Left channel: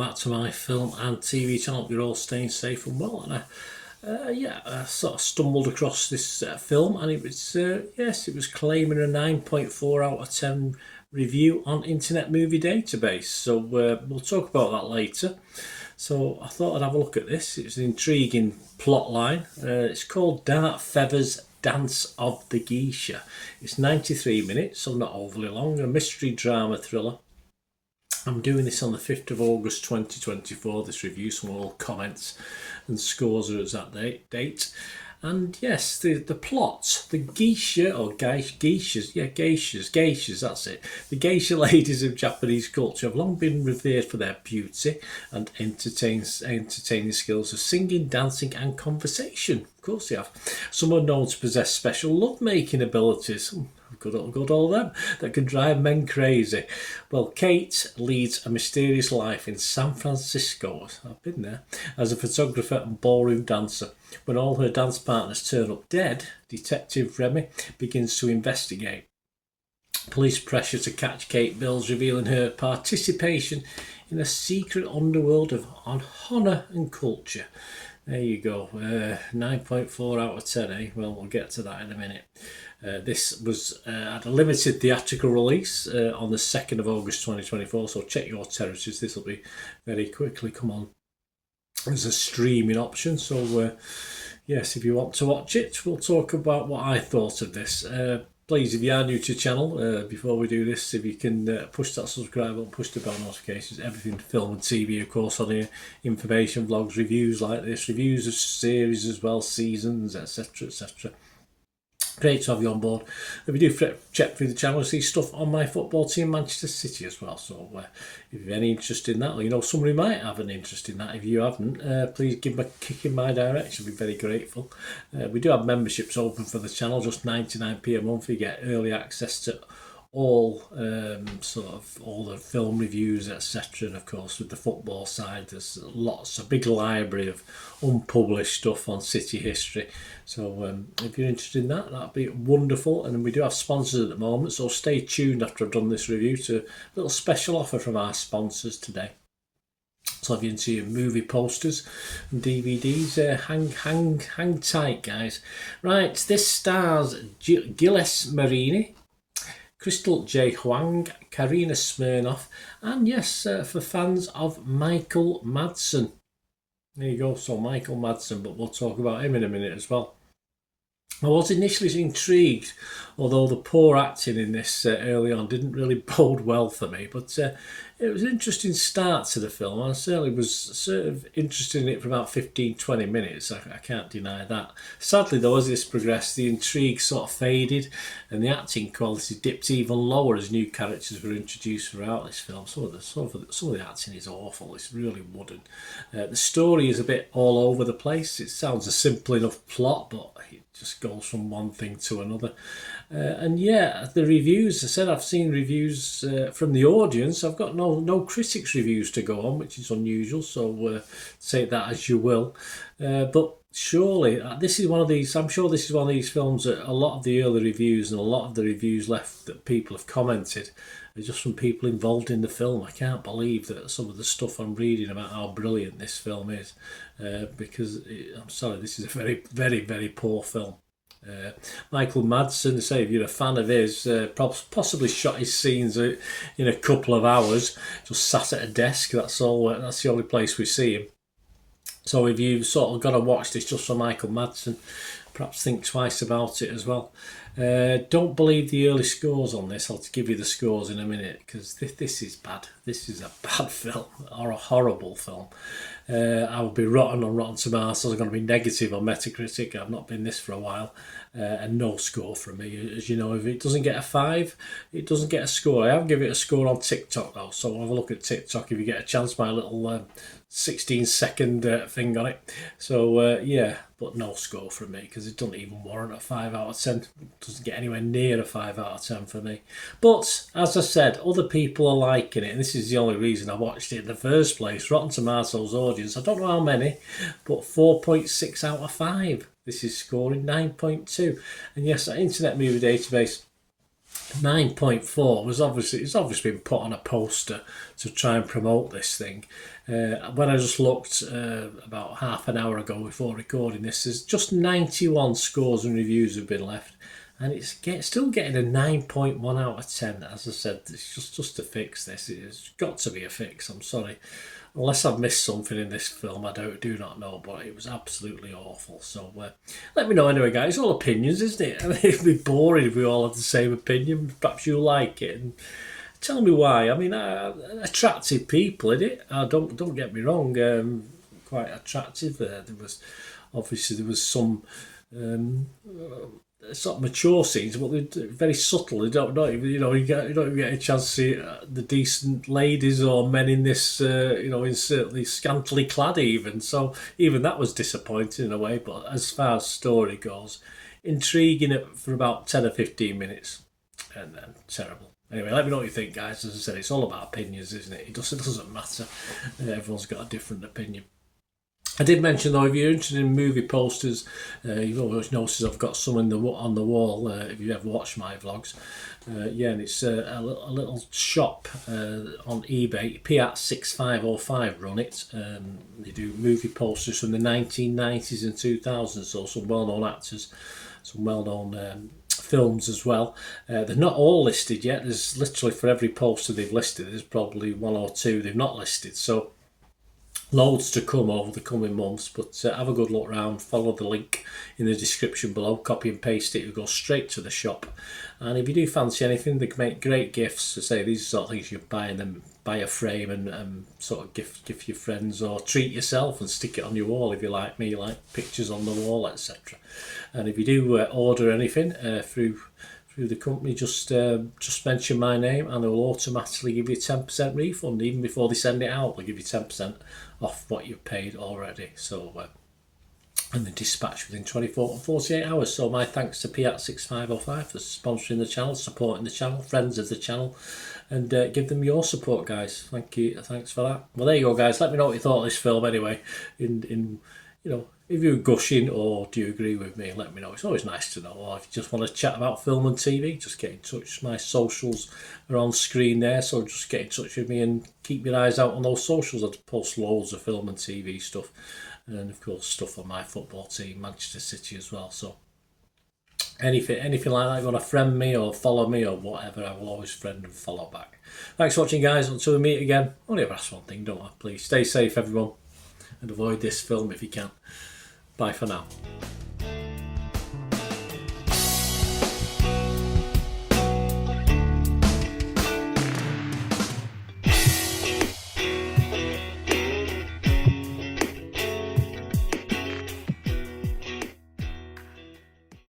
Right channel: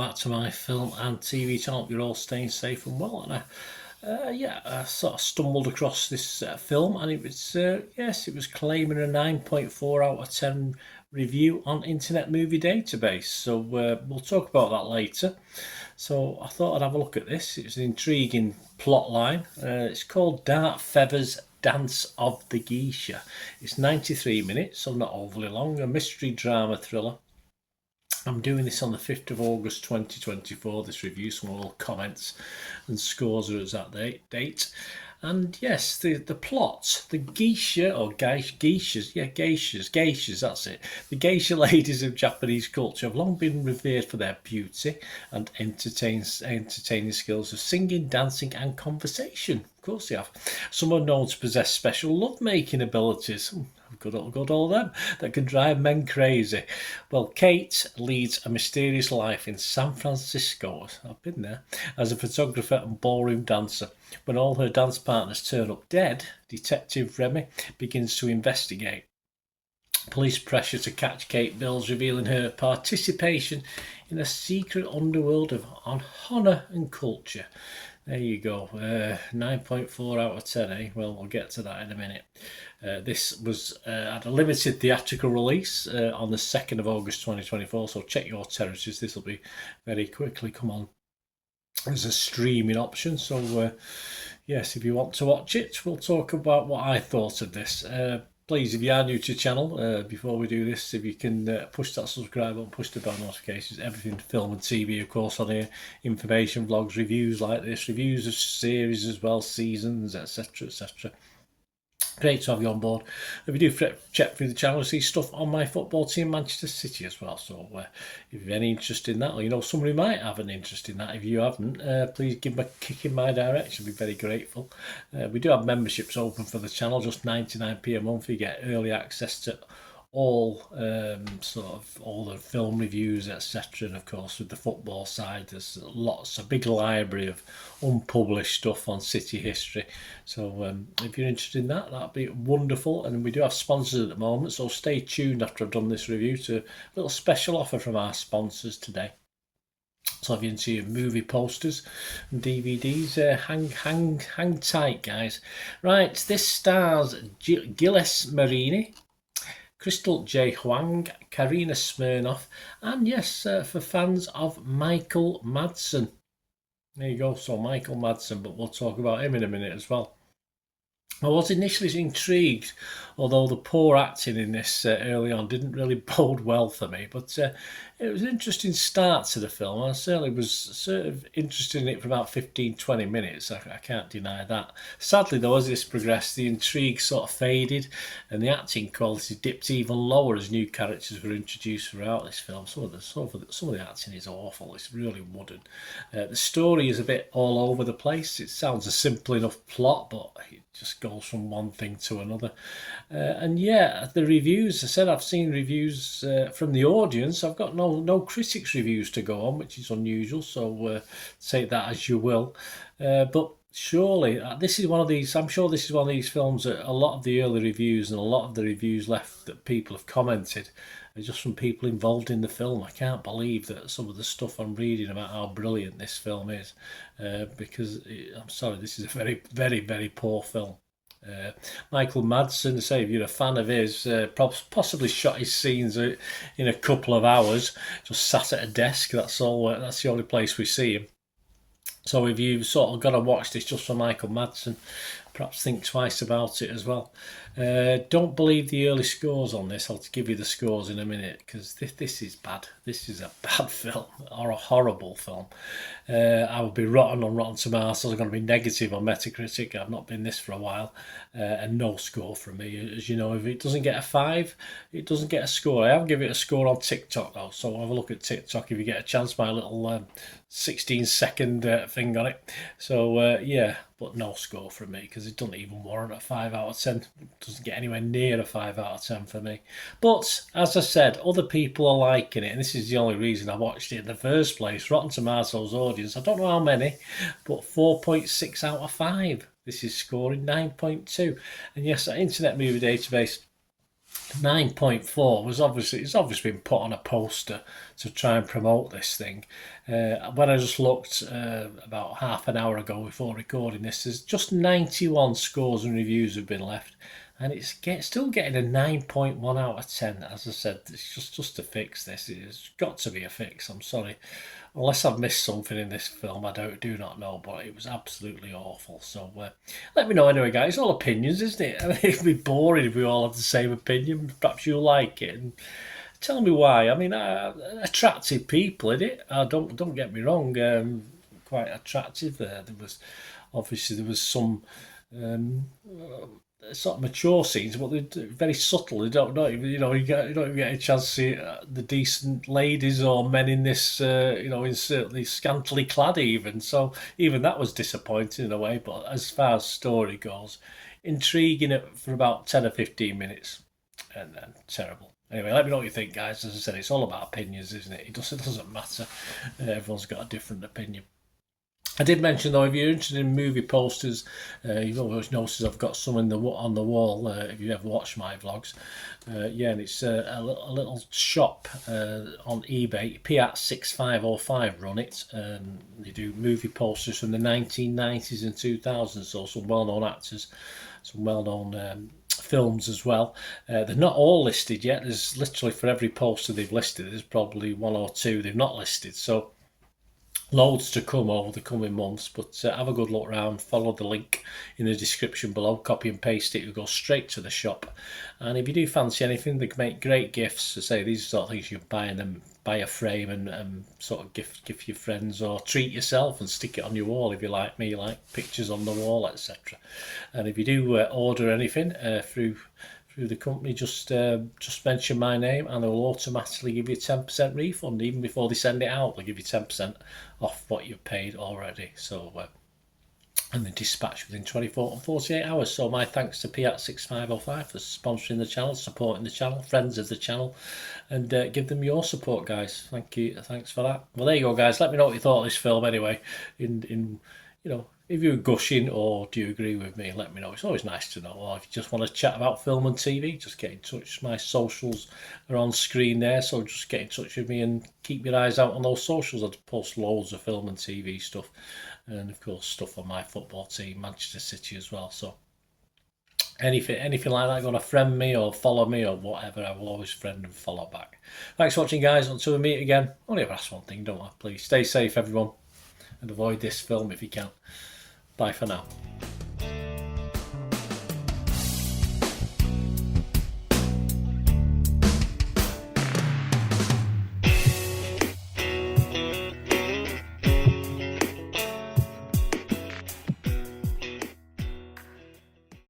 back to my film and TV channel. You're all staying safe and well. And I sort of stumbled across this film, and it was it was claiming a 9.4 out of 10 review on Internet Movie Database. So we'll talk about that later. So I thought I'd have a look at this. It's an intriguing plot line. It's called Dark Feathers Dance of the Geisha. It's 93 minutes, so not overly long. A mystery drama thriller. I'm doing this on the 5th of August 2024, this review, so all comments and scores are at that date. And yes, the plot, the geisha, or geishas, that's it. The geisha ladies of Japanese culture have long been revered for their beauty and entertaining skills of singing, dancing and conversation. Of course they have. Some are known to possess special love-making abilities. Good all them that can drive men crazy. Well, Kate leads a mysterious life in San Francisco. I've been there as a photographer and ballroom dancer. When all her dance partners turn up dead, Detective Remy begins to investigate. Police pressure to catch Kate builds, revealing her participation in a secret underworld of honour and culture. There you go. 9.4 out of 10, eh? Well, we'll get to that in a minute. This was at a limited theatrical release on the 2nd of August 2024, so check your territories. This will be very quickly come on as a streaming option. So, yes, if you want to watch it, we'll talk about what I thought of this. Please, if you are new to the channel, before we do this, if you can push that subscribe button, push the bell notifications, everything film and TV, of course, on here, information, vlogs, reviews like this, reviews of series as well, seasons, etc, etc. Great to have you on board. If you do check through the channel, you'll see stuff on my football team, Manchester City, as well. So if you've any interest in that, or you know somebody might have an interest in that, if you haven't, please give them a kick in my direction. I'd be very grateful. We do have memberships open for the channel, just 99p a month. You get early access to all all the film reviews, etc. And of course, with the football side, there's a big library of unpublished stuff on City history. So if you're interested in that, that'd be wonderful. And we do have sponsors at the moment, so stay tuned after I've done this review to a little special offer from our sponsors today. So if you see your movie posters and DVDs, hang tight, guys. Right, this stars Gilles Marini, Crystal J. Huang, Karina Smirnoff, and yes, for fans of Michael Madsen. There you go, so Michael Madsen, but we'll talk about him in a minute as well. I was initially intrigued, although the poor acting in this early on didn't really bode well for me, but it was an interesting start to the film. I certainly was sort of interested in it for about 15-20 minutes, I can't deny that. Sadly though, as this progressed, the intrigue sort of faded and the acting quality dipped even lower as new characters were introduced throughout this film. Some of the acting is awful, it's really wooden. The story is a bit all over the place. It sounds a simple enough plot, but it just goes from one thing to another. And yeah, the reviews, I said I've seen reviews from the audience. I've got no critics reviews to go on, which is unusual, so take that as you will. But surely this is one of these, I'm sure this is one of these films that a lot of the early reviews and a lot of the reviews left that people have commented are just from people involved in the film. I can't believe that some of the stuff I'm reading about how brilliant this film is, because I'm sorry, this is a very, very, very poor film. Michael Madsen, say if you're a fan of his, possibly shot his scenes in a couple of hours, just sat at a desk. That's all. That's the only place we see him. So if you've sort of got to watch this just for Michael Madsen, perhaps think twice about it as well. Don't believe the early scores on this. I'll give you the scores in a minute, because this is bad. This is a bad film, or a horrible film. I will be rotten on Rotten Tomatoes. I'm going to be negative on Metacritic. I've not been this for a while. And no score from me. As you know, if it doesn't get a 5, it doesn't get a score. I have given it a score on TikTok though, so have a look at TikTok if you get a chance. My little 16-second thing on it. So yeah, but no score from me, because it doesn't even warrant a 5 out of 10. It doesn't get anywhere near a 5 out of 10 for me. But as I said, other people are liking it, and this is the only reason I watched it in the first place. Rotten Tomatoes audience, I don't know how many, but 4.6 out of 5. This is scoring 9.2. And yes, that Internet Movie Database 9.4 was it's obviously been put on a poster to try and promote this thing. When I just looked about half an hour ago before recording this, there's just 91 scores and reviews have been left, and it's still getting a 9.1 out of 10. As I said, it's just to fix this. It's got to be a fix. I'm sorry. Unless I've missed something in this film, I do not know, but it was absolutely awful. So let me know anyway, guys. It's all opinions, isn't it? I mean, it'd be boring if we all had the same opinion. Perhaps you like it, and tell me why. I mean, attractive people in it. Don't get me wrong. Quite attractive. There was some um, sort of mature scenes, but they're very subtle. You don't even, you don't even get a chance to see the decent ladies or men in this, in certainly scantily clad even. So even that was disappointing in a way. But as far as story goes, intriguing it for about 10 or 15 minutes, and then terrible. Anyway, let me know what you think, guys. As I said, it's all about opinions, isn't it? It doesn't matter. Everyone's got a different opinion. I did mention though, if you're interested in movie posters, you've always noticed I've got some on the wall. If you ever watch my vlogs, and it's a little shop on eBay. Piat6505 run it. They do movie posters from the 1990s and 2000s. So some well-known actors, some well-known films as well. They're not all listed yet. There's literally for every poster they've listed, there's probably one or two they've not listed. So loads to come over the coming months, but have a good look round. Follow the link in the description below, copy and paste it, it'll go straight to the shop. And if you do fancy anything, they can make great gifts. To say these are sort of things you buy them, buy a frame and sort of gift your friends, or treat yourself and stick it on your wall if you like me, like pictures on the wall, etc. And if you do order anything through the company, just mention my name and they'll automatically give you a 10% refund. Even before they send it out, they'll give you 10% off what you've paid already. So and they dispatch within 24 to 48 hours. So my thanks to Piat6505 for sponsoring the channel, supporting the channel, friends of the channel, and give them your support, guys. Thank you, thanks for that. Well, there you go, guys. Let me know what you thought of this film anyway. If you're gushing or do you agree with me, let me know. It's always nice to know. Or if you just want to chat about film and TV, just get in touch. My socials are on screen there, so just get in touch with me and keep your eyes out on those socials. I post loads of film and TV stuff, and of course stuff on my football team, Manchester City as well. So anything like that, you want to friend me or follow me or whatever, I will always friend and follow back. Thanks for watching, guys. Until we meet again, only ever ask one thing, don't I? Please stay safe, everyone, and avoid this film if you can. Bye for now.